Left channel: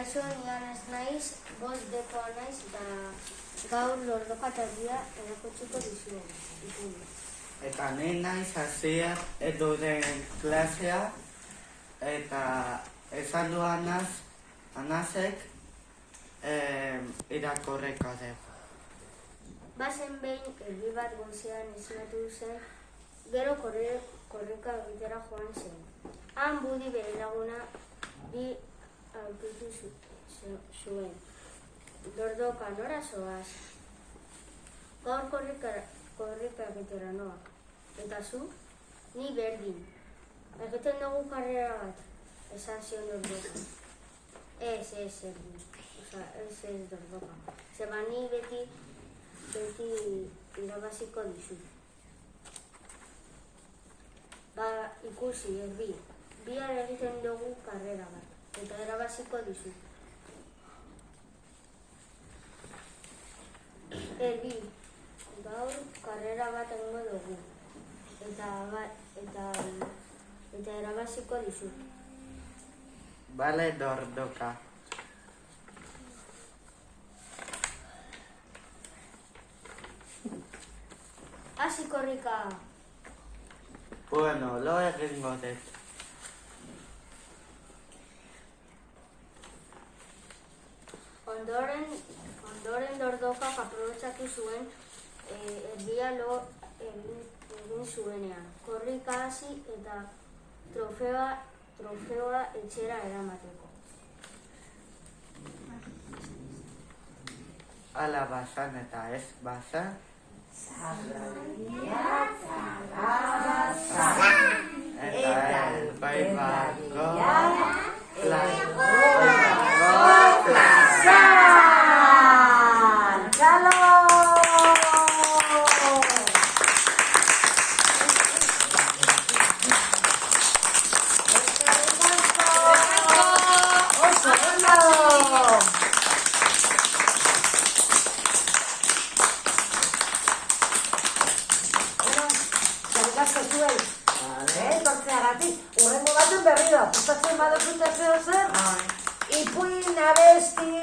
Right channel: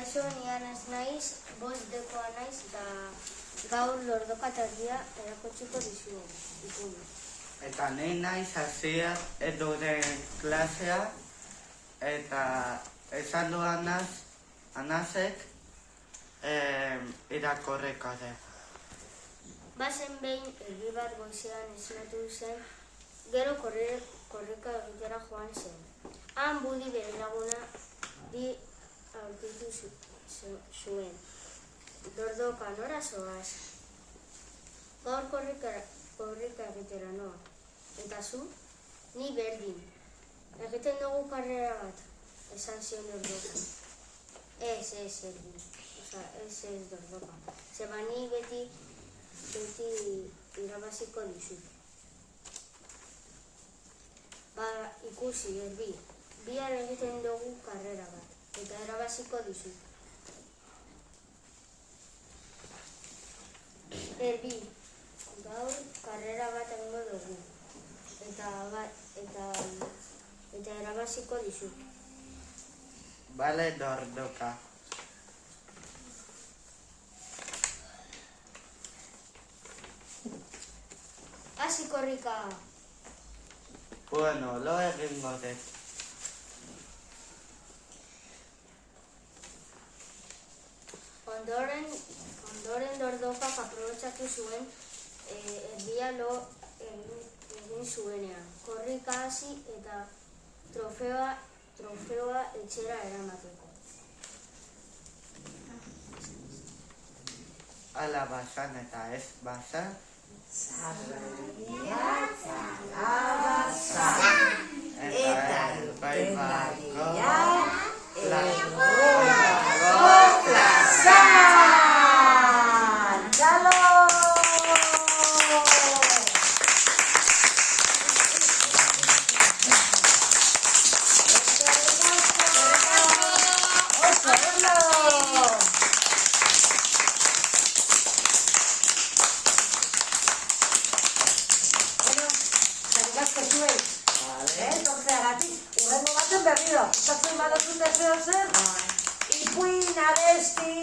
Kaixo, nian ez naiz, bost dekoa naiz, eta gaur lordoka eta erdia erakutsiko dizugu. Eta ni naiz Asier eduren klasea, eta esan du Anasek irakurriko dugu. Bazen behin erdi bat goizean esnatu zen, gero korrika egitera joan zen. Han Budi bere laguna di aurkitu zuen. Lordoka, nora zoaz? Gaur korrika egitera noa. Eta zu? Ni berdin. Egiten dugu karrera bat, esan zion Lordoka. Ez berdin. Ez Lordoka. Zeba ni beti irabaziko dizut. Ikusi, erdi. Bihar egiten dugu karrera bat, eta irabaziko dizut. Erdi, gaur karrera bat egingo dugu, eta irabaziko dizut. Bale, Lordoka. Hasi korrika! Bueno, lo egingo dut. Ondoren Lordokak aprobetxatu zuen erdia lo egin zuenean. Korrika hasi eta trofeoa etxera eramateko. Ala basan eta ez basan. Eta baibako plazan! Txalo! Oso, ondo! Gasko zuen, tortzeagatik, urrengo baten berriro, gustatzen badazute zer, ipuin, abesti,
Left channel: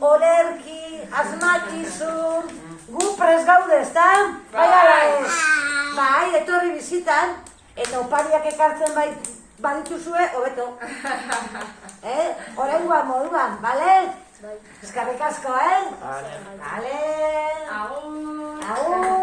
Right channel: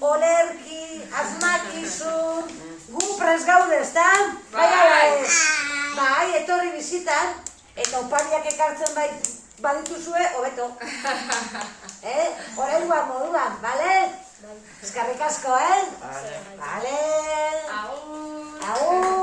olerki, asmakizun, gu prest gaude, ezta? Bai, ala ez? Bai, etorri bizitan, eta opariak ekartzen badituzue, hobeto. Oraingoan moduan, bale? Eskerrik asko, Bale. Bale. Agur! Agur!